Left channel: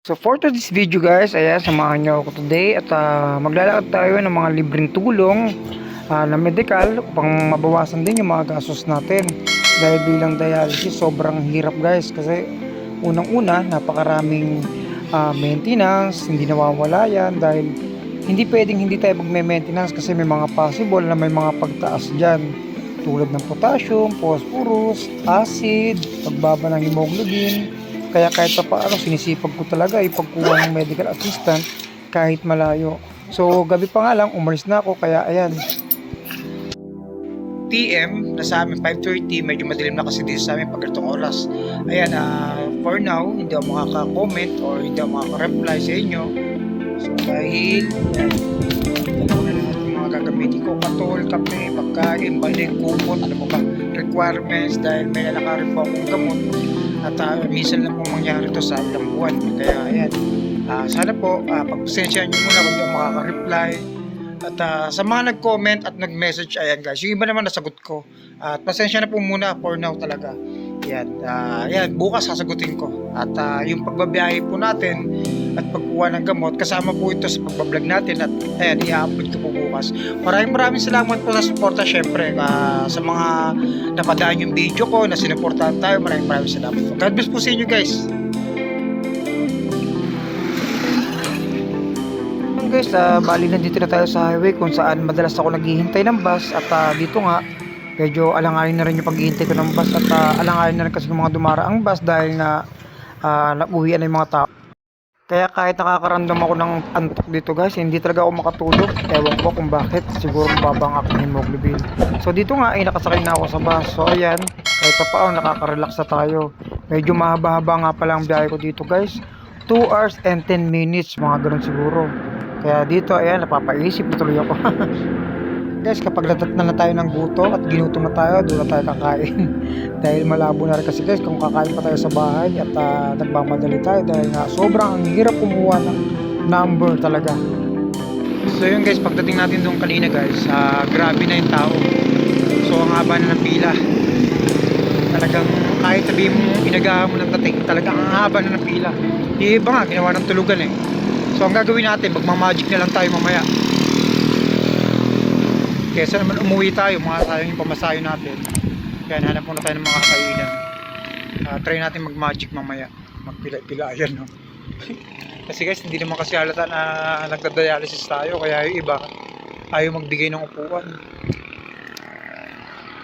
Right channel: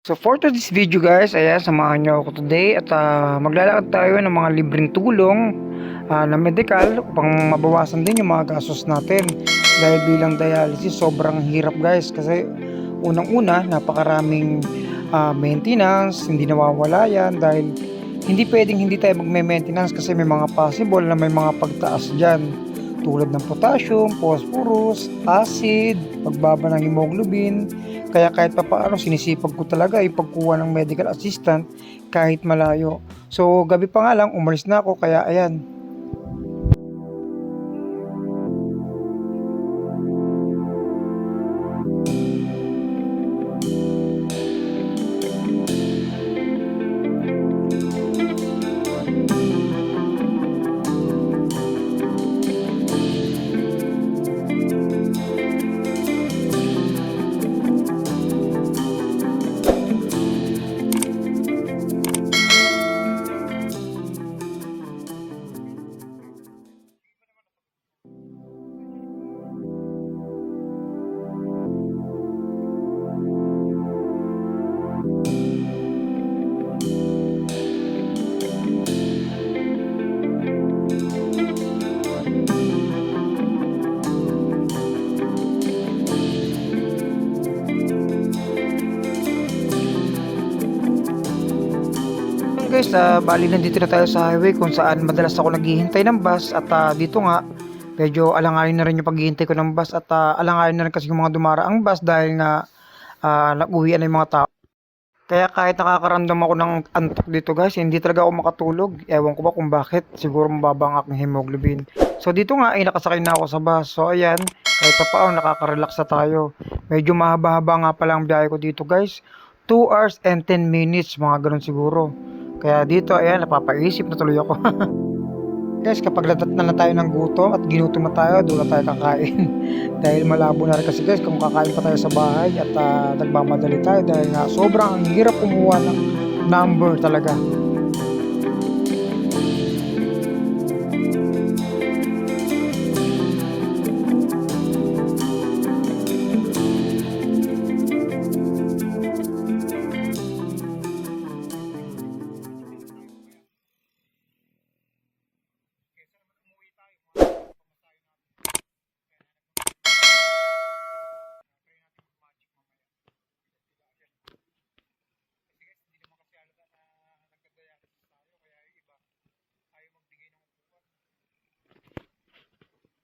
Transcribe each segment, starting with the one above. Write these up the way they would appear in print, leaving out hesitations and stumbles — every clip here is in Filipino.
So for today's video guys, ayan, samahan nyo ako today at maglalakad tayo ng mga libreng tulong na medical upang mabawasan din yung mga gastos natin. Dahil bilang dialysis, sobrang hirap guys kasi unang-una, napakaraming maintenance, hindi nawawala yan dahil hindi pwedeng hindi tayo magme-maintenance kasi may mga possible na may mga pagtaas dyan tulad ng potassium, phosphorus, acid, pagbaba ng hemoglobin. Kaya kahit pa paano sinisipag ko talaga ipagkuha ng medical assistant kahit malayo. So gabi pa nga lang umalis na ako kaya ayan. PM na sa amin 5:30, medyo madilim na kasi dito sa amin pag ganitong oras. Ayan, for now hindi ako makaka-comment or hindi ako makaka-reply sa inyo. So dahil mga gagamitin ko katol, kape, pagkain, balik, kupot, ano pa requirements dahil may alakarin po akong gamot at minsan lang po mangyari ito sa ilang buwan. Kaya ayan, sana po pagpasensyahan nyo muna kung hindi makaka-reply at sa mga nag-comment at nag-message, ayan guys, yung iba naman nasagot ko at pasensya na po muna for now talaga. Ayan, bukas sasagutin ko at yung pagbabiyahe po natin at pagkuha ng gamot kasama po ito sa pagbablog natin at ayan, i-upload ko po bukas. Maraming salamat po na suporta syempre sa mga napadaan yung video ko na sinuportahan tayo. Maraming salamat po. God bless po sa inyo guys. Guys, bali nandito na tayo sa highway kung saan madalas ako naghihintay ng bus at dito nga medyo alanganin na rin yung paghihintay ko ng bus at alanganin na rin kasi yung mga dumaraang bus dahil na nag-uwian na yung mga tao. Kaya kahit nakakaramdam ako ng antok dito guys, hindi talaga ako makatulog. Ewan ko ba kung bakit, siguro mababa ang aking hemoglobin. So dito nga ay nakasakay na ako sa bus. So ayan, kahit pa paano nakaka-relax na tayo. Medyo mahaba-haba nga pala ang biyahe ko dito guys, 2 hours and 10 minutes, mga ganun siguro. Kaya dito, ayan, napapaisip na tuloy ako. Guys, kapag natat na tayo ng gutom at ginutom na tayo, doon na tayo kakain. Dahil malabo na rin kasi guys, kung kakain pa tayo sa bahay at nagmamadali tayo dahil nga sobrang ang hirap kumuha ng number talaga. So yun guys, pagdating natin doon kanina guys, grabe na yung tao. So ang haba na ng pila. Talagang kahit sabihin mo, inagahan mo ng dating, talagang ang haba na ng pila. Yung iba nga, ginawa ng tulugan eh. So ang gagawin natin, magmamagic na lang tayo mamaya. Kesa naman umuwi tayo, mga tayo yung pamasayo natin. Kaya hanap muna tayo ng mga kainan. Try natin mag-magic mamaya. Magpila-pilayan, no? Kasi guys, hindi naman kasi halata na nagda-dialysis tayo. Kaya yung iba, ayaw magbigay ng upuan.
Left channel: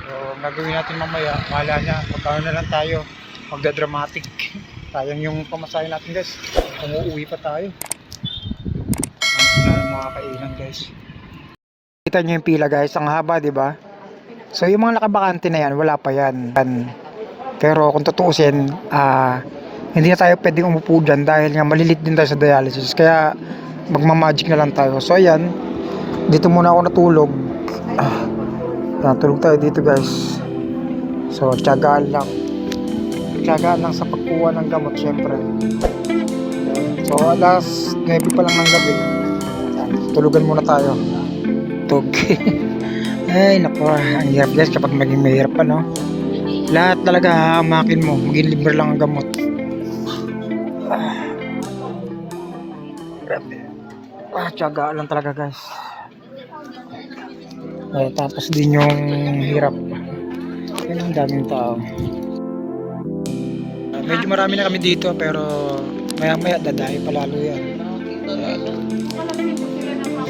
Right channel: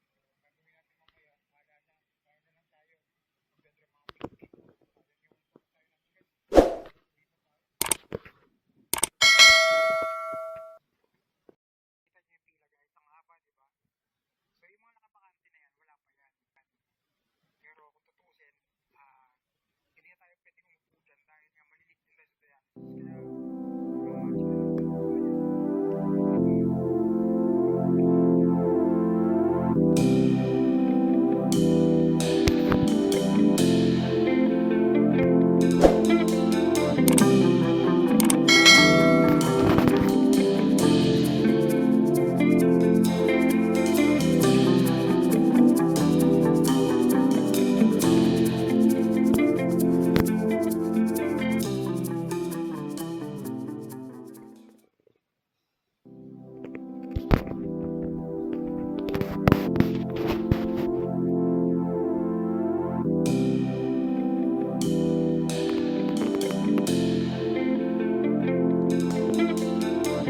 So, ang gagawin natin mamaya, mahala na, magkano na lang tayo. Magda-dramatic. Sayang yung pamasayo natin guys. Umuwi pa tayo. Mga kainan guys. Kita nyo yung pila guys, ang haba, di ba? So yung mga nakabakante na yan, wala pa yan. Pero kung tutuusin, hindi na tayo pwedeng umupo dyan dahil nga malilit din tayo sa dialysis. Kaya magmamagic na lang tayo. So ayan, dito muna ako natulog. Natulog tayo dito guys. So tiyagaan lang. Tiyagaan lang sa pagkuha ng gamot syempre. So alas 9 pa lang ng gabi. Tulugan muna tayo. Tug. Ay naku, ang hirap guys kapag maging mahirap pa, no? Lahat talaga hahamakin mo, maging libre lang ang gamot. Tiyaga lang talaga guys. Tapos din yung hirap. Yan ang daming tao. Medyo marami na kami dito pero maya maya dadahin palalo yan.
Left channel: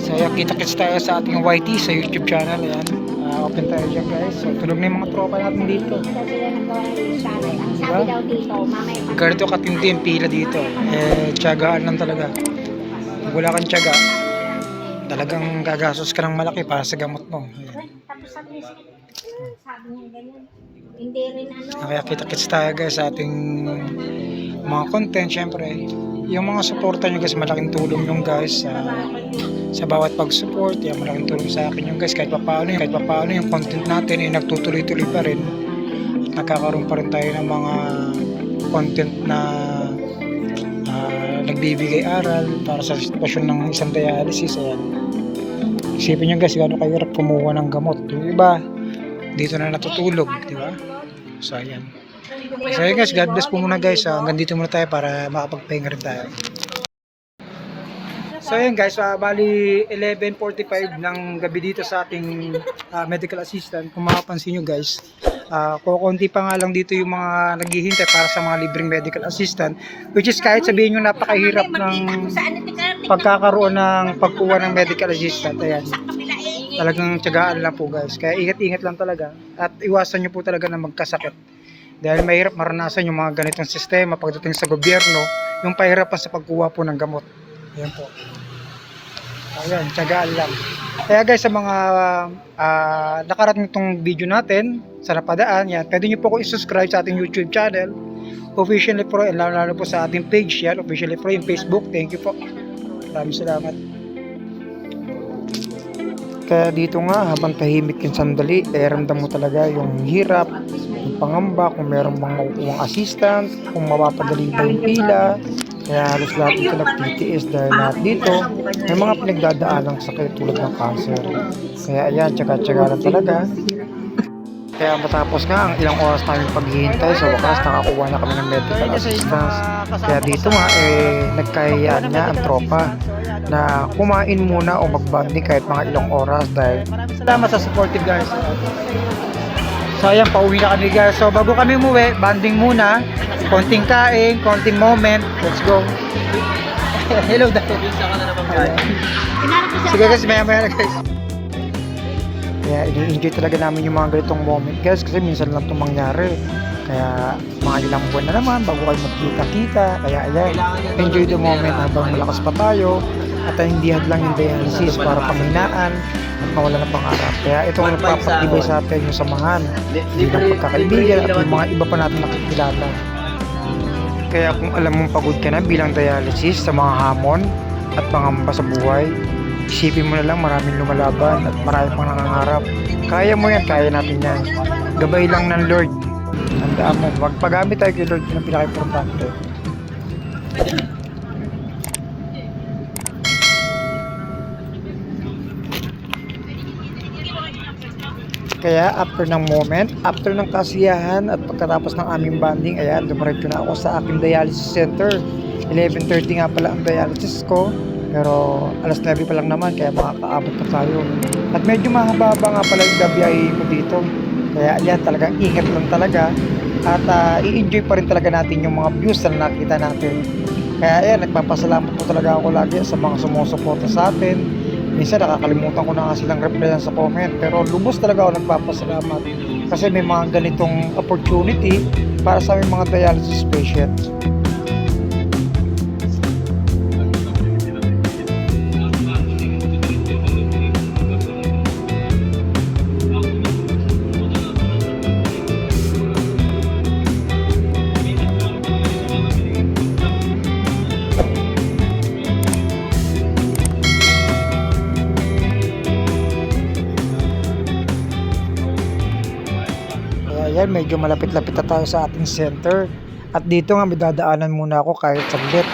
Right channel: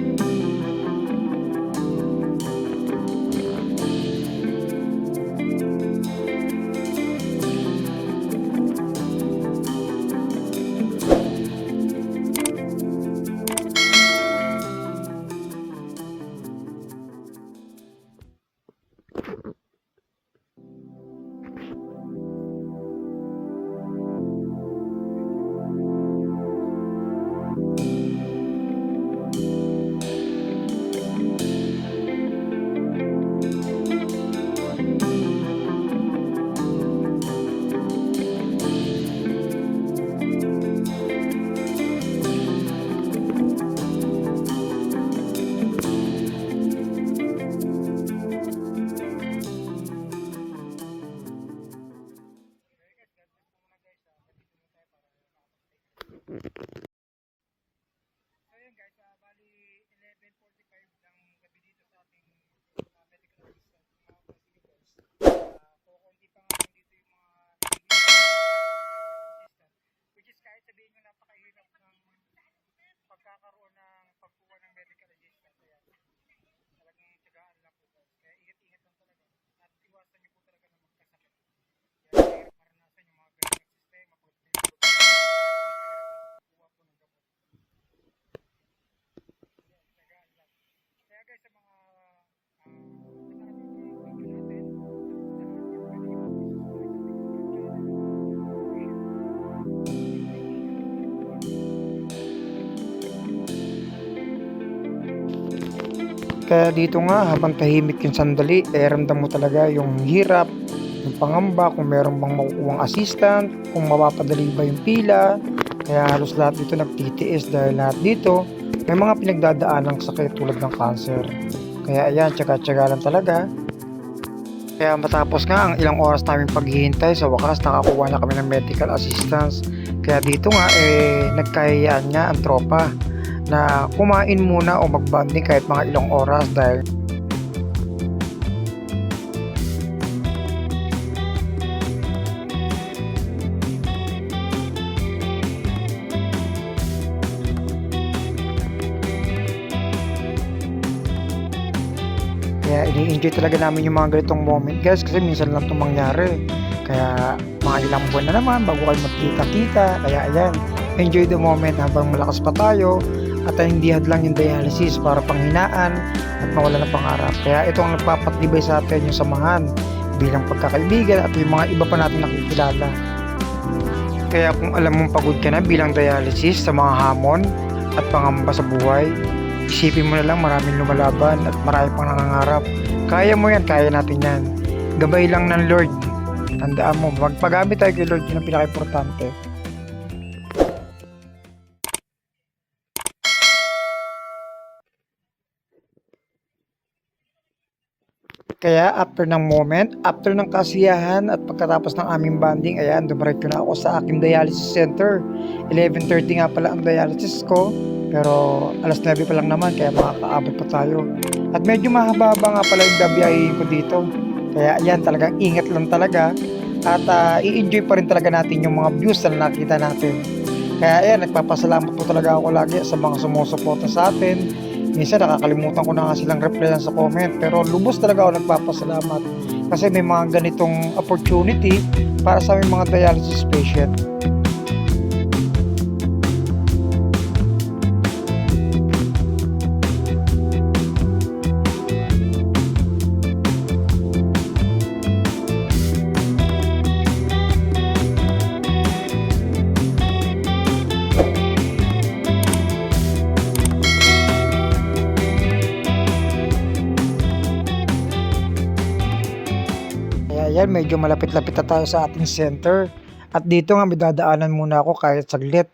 So yan, kita-kits tayo sa ating YT sa YouTube channel. Ayan, open tayo dyan guys. So tulog na yung mga tropa natin dito. Diba? Ganito katinti yung pila dito. Tiyagaan lang talaga. Kung wala kang tiyaga, talagang gagastos ka ng malaki para sa gamot mo. Kaya kita-kits tayo guys sa ating mga content. Syempre yung mga suporta nyo guys, malaking tulong nung guys sa bawat pag-support. Yan, malaking tulong sa akin yung guys kahit paano yung content natin ay nagtutuloy-tuloy pa rin. Nagkakaroon pa rin tayo ng mga content na nagbibigay aral para sa sitwasyon ng isang dialysis. Isipin nyo guys, gano'n kahirap kumuha ng gamot. Yung iba dito na natutulog, di ba? So ayan. So ayan guys, God bless po muna guys. Hanggang dito muna tayo para makapagpahinga rin tayo. So ayun guys, bali 11:45 ng gabi dito sa ating medical assistant. Kung makapansin nyo guys, kukunti pa nga lang dito yung mga naghihintay para sa mga libreng medical assistant, which is kahit sabihin nyo napakahirap ng pagkakaroon ng pagkuha ng medical assistant. Ayan, talagang tiyagaan lang po guys, kaya ingat-ingat lang talaga at iwasan nyo po talaga na magkasakit dahil mahirap maranasan yung mga ganitong sistema pagdating sa gobyerno, yung pahirapan sa pagkuha po ng gamot. Ayan po. Ayan, tiyagaan lang. Kaya guys, sa mga nakarating itong video natin sa napadaan, yan, pwede nyo po ko i-subscribe sa ating YouTube channel, Officially Pro, and lalo po sa ating page yan, Officially Pro, yung Facebook. Thank you po. Maraming salamat. Kaya dito nga, habang tahimik yung sandali, ramdam mo talaga yung hirap, yung pangamba, kung meron bang makukuhang assistant, kung mapapadali ba yung pila. Kaya halos lahat dito nag-PTS dahil lahat dito may mga pinagdadaanang sakit tulad ng cancer. Kaya ayan, tsaga-tsaga lang talaga. Kaya matapos nga ang ilang oras namin paghihintay, sa wakas nakakuha na kami ng medical assistance. Kaya dito nga nagkayaan nga ang tropa na kumain muna o mag-bonding kahit mga ilang oras dahil maraming salamat sa supportive guys. So ayan, pauwi na kami guys. So bago kami umuwi, bonding muna. Konting kain, konting moment. Let's go. Hello dahil. Sige guys, maya-maya na guys. Kaya ini-enjoy talaga namin yung mga ganitong moment guys, kasi minsan lang itong mangyari. Kaya mga ilang buwan na naman bago kayo magkita-kita. Kaya ayan, enjoy the moment habang malakas pa tayo at hindi hadlang yung dialysis para panghinaan at mawala ng pangarap. Kaya itong nagpapatibay sa atin yung samahan bilang pagkakaibigan at yung mga iba pa natin nakikilala. Kaya kung alam mong pagod ka na bilang dialysis sa mga hamon at pangamba sa buhay, isipin mo na lang maraming lumalaban at marami pang nangangarap. Kaya mo yan, kaya natin yan. Gabay lang ng Lord. Tandaan mo, magpagamit tayo kay Lord, yun ang pinaka-importante. Kaya after ng moment, after ng kasiyahan at pagkatapos ng aming bonding, ayan, dumiretso na ako sa aking dialysis center. 11:30 nga pala ang dialysis ko, pero alas 9 pa lang naman, kaya makakaabot pa tayo. At medyo mahaba-haba nga pala yung gabiyahin ko dito. Kaya ayan, talagang ingat lang talaga at i-enjoy pa rin talaga natin yung mga views na nakita natin. Kaya ayan, nagpapasalamat po talaga ako lagi sa mga sumusuporta sa atin. Minsan nakakalimutan ko na nga silang replyan sa comment, pero lubos talaga ako nagpapasalamat kasi may mga ganitong opportunity para sa aming mga dialysis patients. Ayan, medyo malapit-lapit na tayo sa ating center. At dito nga may dadaanan muna ako kahit saglit.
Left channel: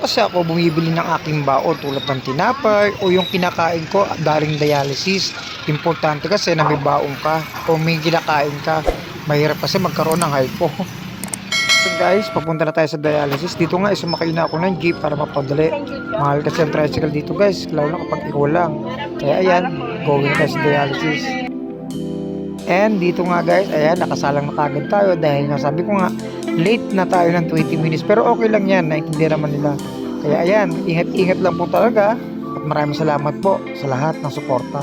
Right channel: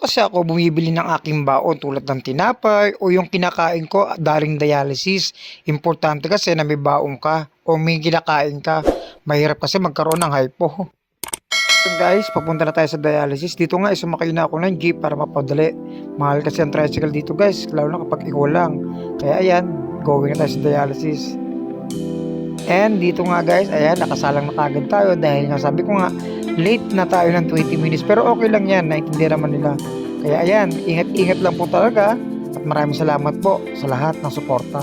Kasi ako bumibili ng aking baon tulad ng tinapay o yung kinakain ko daling dialysis. Importante kasi na may baon ka o may kinakain ka. Mahirap kasi magkaroon ng hypo. So guys, papunta na tayo sa dialysis. Dito nga sumakay na ako ng jeep para mapadali. Mahal kasi ang tricycle dito guys, lalo na kapag ikaw lang. Kaya ayan, going na tayo sa dialysis. And dito nga guys, ayan, nakasalang na kagad tayo dahil nga sabi ko nga, late na tayo ng 20 minutes. Pero okay lang yan, naintindihan naman nila. Kaya ayan, ingat-ingat lang po talaga at maraming salamat po sa lahat ng suporta.